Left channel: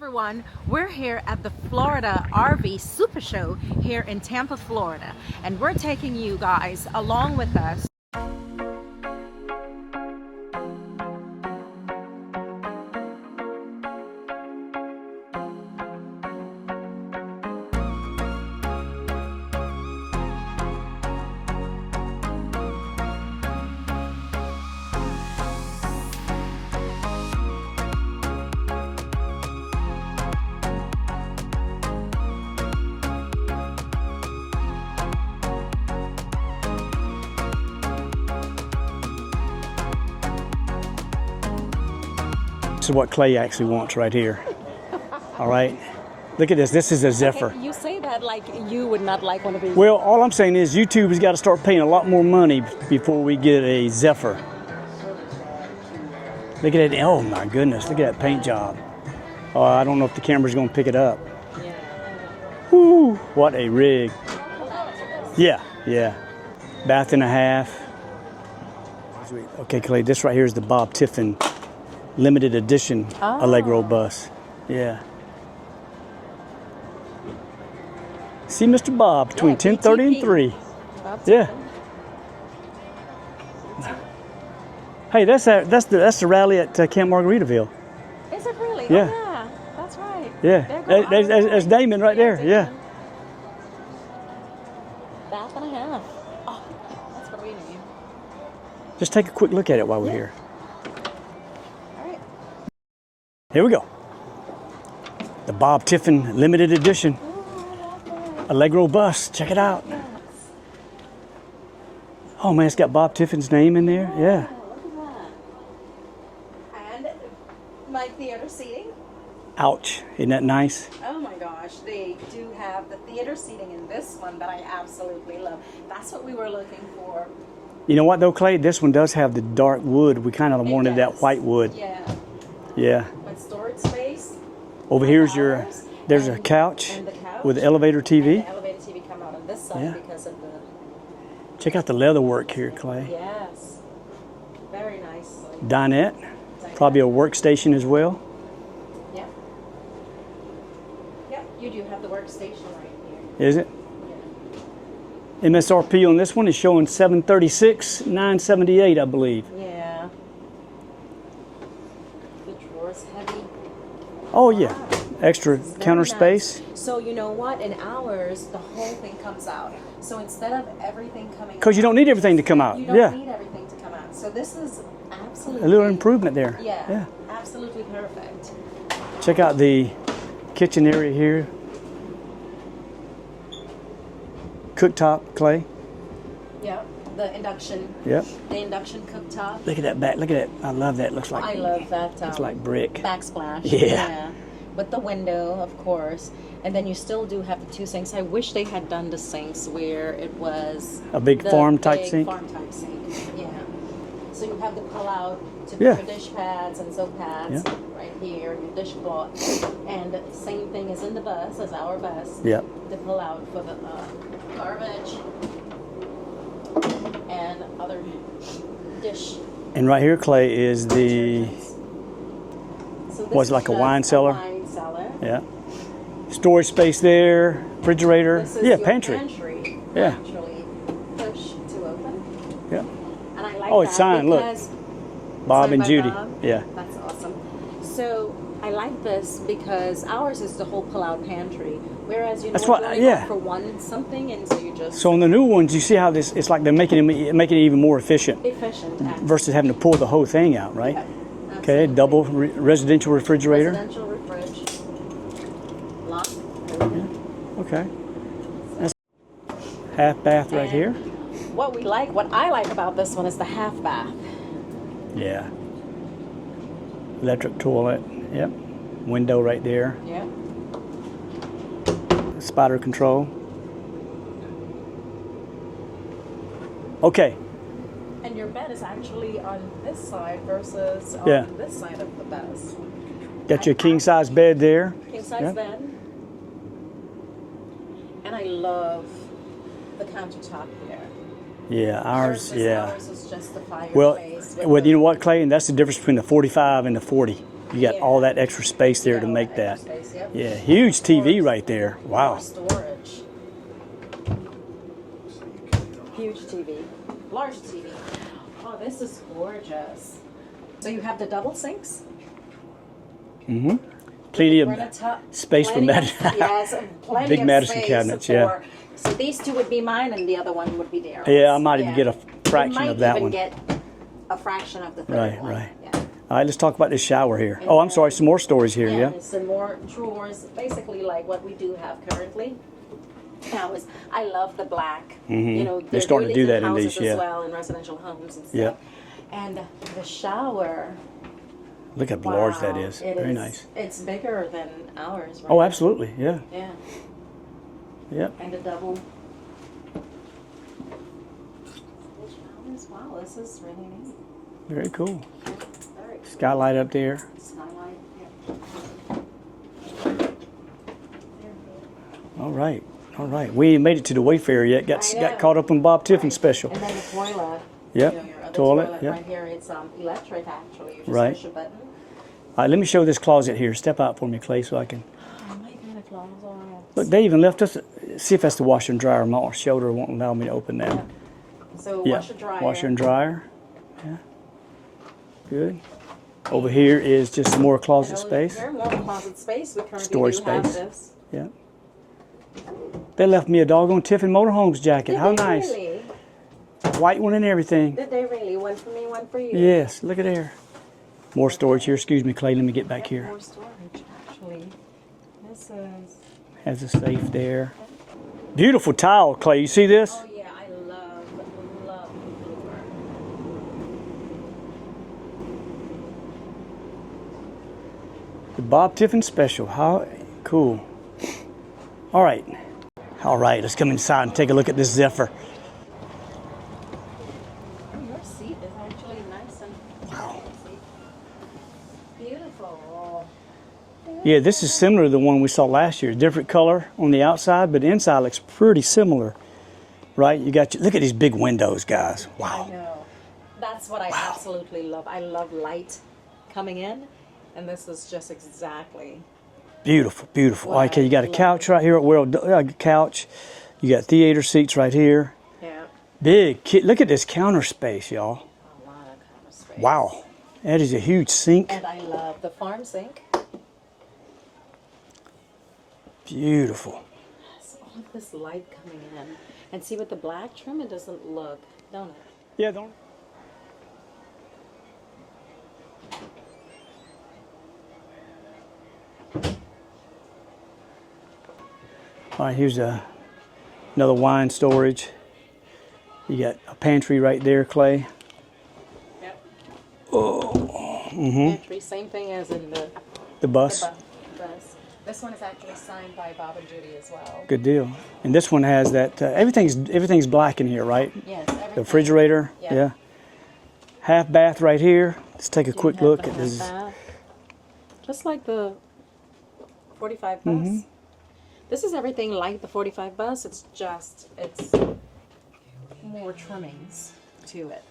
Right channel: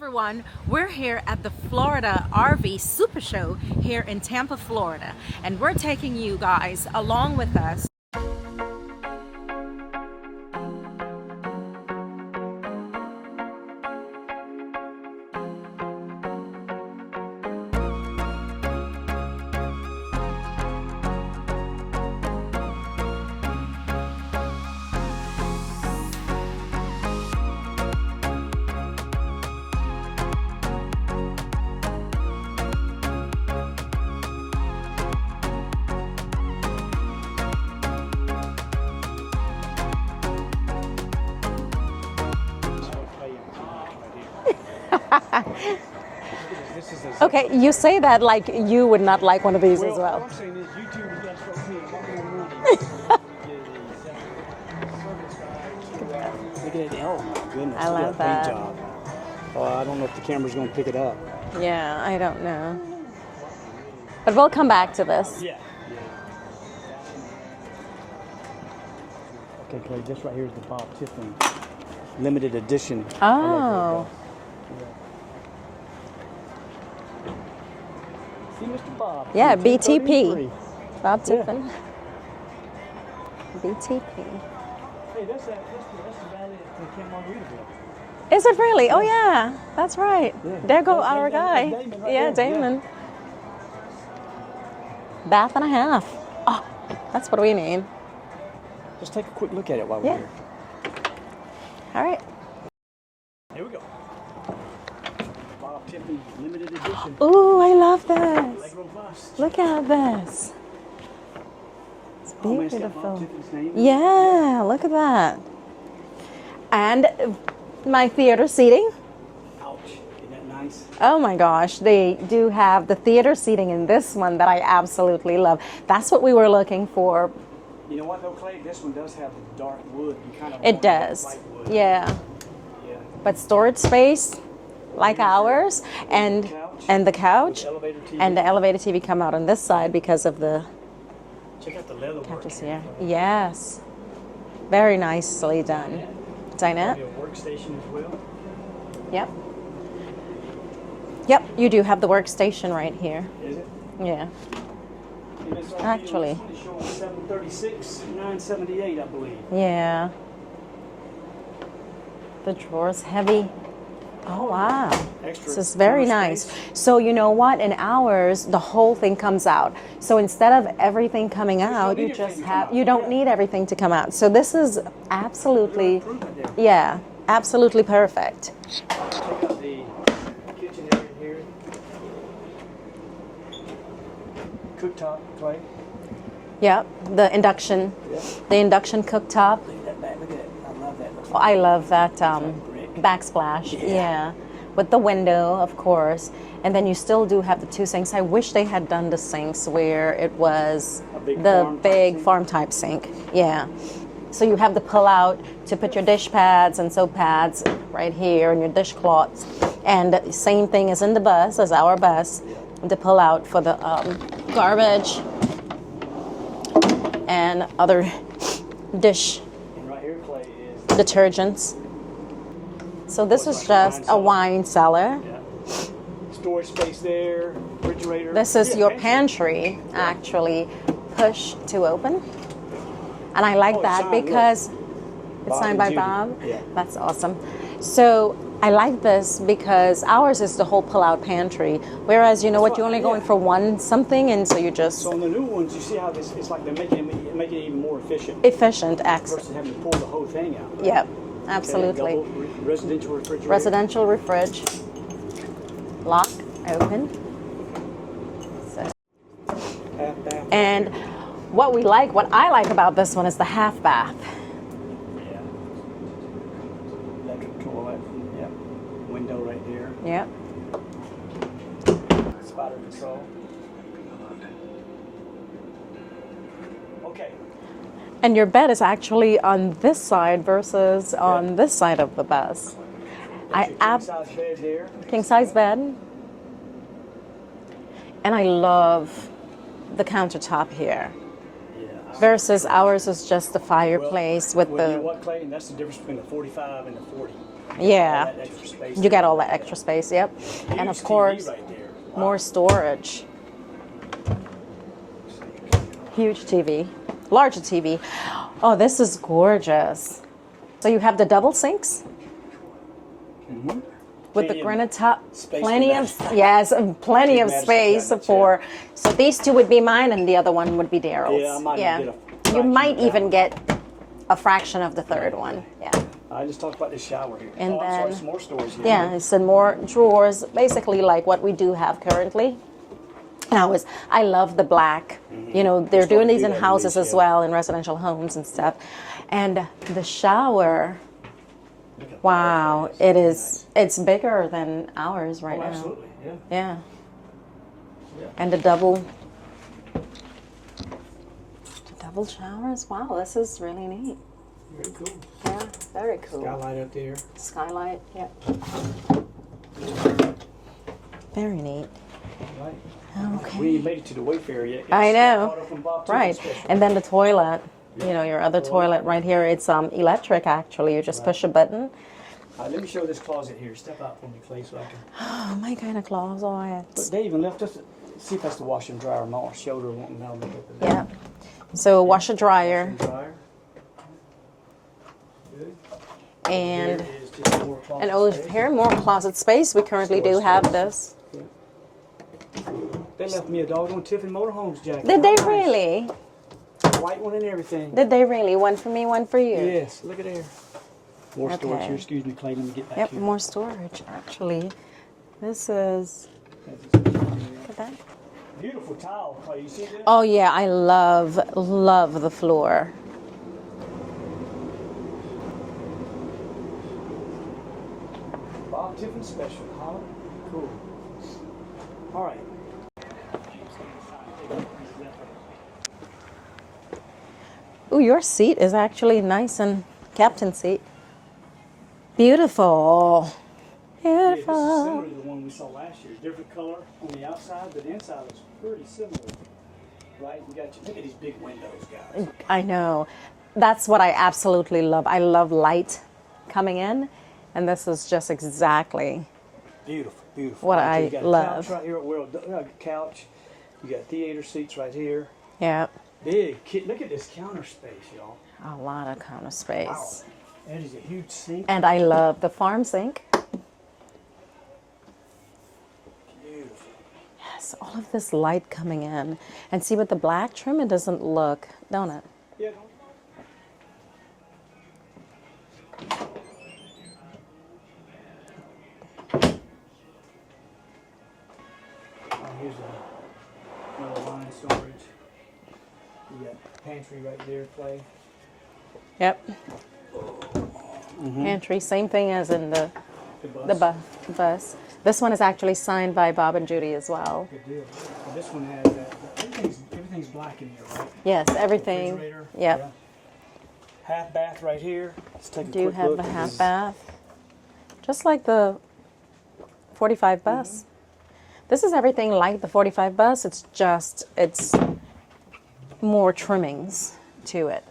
Everyone, we're here at the Florida RV Supershow here in Tampa, Florida, and we're taking you guys along with us. This is what Clay actually wants right here. All right. Look at this. This is a Zephyr. Okay, you say that like you would not like one of these. Well, all I'm saying is YouTube has got to start paying a lot more money before we get a Zephyr. Look at it. Oh my goodness. Look at that paint job. Oh, I don't know if the camera's going to pick it up. Yeah, I don't know. Woo, what a rig. But we'll come back to this. Yeah, yeah. Bath and a half. Okay, Clay, this right here is the Bob Tiffin Limited Edition Allegro bus. Yeah. See Mr. Bob, between 10:30 and 3. Bob Tiffin. BTP. Hey, that's the rally at Camp Margaritaville. Is it really? Yeah. Oh yeah, that's right. Yeah. There goes our guy. That's Damon right there. Damon. Yeah. Bath and a half. Oh, that's what we need. Just take a quick look at it while we're here. All right. Here we go. The Bob Tiffin Limited Edition. Ooh, I love this. Allegro bus. Check it out. Look at this. Oh man, it's got Bob Tiffin's name in there. Yeah, look at that. And my theater seating. Ouch. Isn't that nice? Oh my gosh, they do have the theater seating in this one that I absolutely love. That's what we were looking for. You know what though, Clay? This one does have the dark wood. We kind of wanted that white wood. Yeah. Yeah. But storage space, Over like here's ours. There's a couch. And the couch. With elevator TV. And the elevator TV come out on this side because of the... Check out the leather work here, Clay. Yes. Very nicely done. Dinette. Probably a workstation as well. Yep. Yep, you do have the workstation right here. Is it? Yeah. MSRP on this one is showing $736,978, I believe. Yeah. The drawer's heavy. Oh yeah. Extra This is very counter nice. space. So you know what? In ours, the whole thing comes out. So instead of everything coming out, because you don't need everything to come out. You don't need everything to come out. So this is absolutely a little improvement there. Yeah, absolutely perfect. Check out the kitchen area here. Cooktop, Clay. Yep, the induction. Yep. The induction cooktop. Look at that back. Look at that. I love that. Looks like. I love that. Looks like brick. Backsplash. Yeah. With the window, of course. And then you still do have the two sinks. I wish they had done the sinks where it was a big farm type sink. Yeah. So you have the pull out to put your dish pads and soap pads right here and your dishcloth. And the same thing as in the bus, as our bus. Yeah. The pull out for the garbage and other dish. And right here, Clay, is the detergents. So this is like just a wine cellar. Yeah. Storage space there, refrigerator. This is your pantry, actually push to open. Yeah. And I like that signed, because Bob and by Judy. Bob. Yeah. That's awesome. So I like this because ours is the whole pull-out pantry, whereas you know what, you're only going for one something, and so you just. So on the new ones, you see how this? It's like they're making it even more efficient. Versus having to pull the whole thing out, right? Yep, absolutely. Okay, double residential refrigerator. Residential refrige. Lock, open. Okay. Half bath right here. What I like about this one is the half bath. Yeah. Electric toilet. Yep. Window right there. Yep. Spider control. Okay. And your bed is actually on this side versus on this side of the bus. Got your king size bed there. King size bed. And I love the countertop here. Yeah, ours is just the fireplace. Well, you know what, Clay? And that's the difference between the 45 and the 40. You got all that extra space You there got to all make that extra space, yep. Yeah, And huge of TV course, right there. Wow. More storage. Huge TV. Larger TV. Oh, this is gorgeous. So you have the double sinks? Mm-hmm. With Plenty the of granite top. space for Madison. Yes, and plenty Big of Madison space cabinets, for. So these two would be mine, and the other one would be Daryl's. Yeah, I might even get a fraction We might of that even one. get a fraction of the third one. Right. Yeah. All right, let's talk about this shower here. And Oh, I'm sorry, then- some more storage here. Yeah, Yeah. it's some more drawers, basically like what we do have currently. And I love the black. You know, they're starting doing to these do in that in houses these, as yeah. well, in residential homes and stuff. And the shower, Look how large wow, that is. it Very is. nice. It's bigger than ours right Oh, now. absolutely. Yeah. Yeah, Yeah. and the double showers. Wow, this is really neat. Very cool. Yeah, very cool. Skylight up there. Skylight. Yep. Very neat. All right. All right. We ain't made it to the Wayfarer yet. I know. Got caught up in Bob Tiffin Right. special. And then the toilet. Yep. You know, your other Toilet, toilet yep. right here. It's electric actually. You just Right. push a button. All right, let me show this closet here. Step out for me, Clay, so I can. Oh, my kind of closet. Look, they even left us. See if that's the washer and dryer. My shoulder won't allow me to open that. Yeah. So Yeah, washer dryer. Washer and dryer. Yeah. Good. Over And- here is just some more closet And over space. here, more closet space. We currently Storage do have space. this. Yeah. They left me a doggone Tiffin Motorhomes jacket. Did How they nice. really? White one and everything. Did they really? One for me, one for you. Yes, look at there. More storage Okay. here. Excuse me, Clay. Let me get back Yep, here. more storage actually. This is. Has a safe there. that- Beautiful tile, Clay. You see this? Oh yeah, I love the floor. The Bob Tiffin special. How cool. All right. All right, let's come inside and take a look at this Zephyr. Ooh, your seat is actually nice and captain seat. Beautiful. Yeah, this is similar to the one we saw last year. Different color on the outside, but the inside looks pretty similar. Right? You got look at these big windows, guys. Wow. I know. That's what I absolutely love. I love light coming in, and this is just exactly. Beautiful, beautiful. What Okay, I you got a love. couch right here. Well, couch. You got theater seats right here. Yeah, Big. Look at this counter space, y'all. a lot of counter space. Wow. That is a huge sink. And I love the farm sink. Beautiful. Yes, all of this light coming in. And see, with the black trim, it doesn't look, don't it? Yeah, don't. All right, here's another wine storage. You got a pantry right there, Clay. Yep. Pantry, same thing as in The bus. the bus. This one is actually signed by Bob and Judy as well. Good deal. And this one has that. Everything's black in here, right? Yes, everything. The refrigerator. Yep. Yeah. Half bath right here. Let's take a Do quick have look a at half this. bath. Just like the 45 bus. This is everything like the 45 bus. It's more trimmings to it.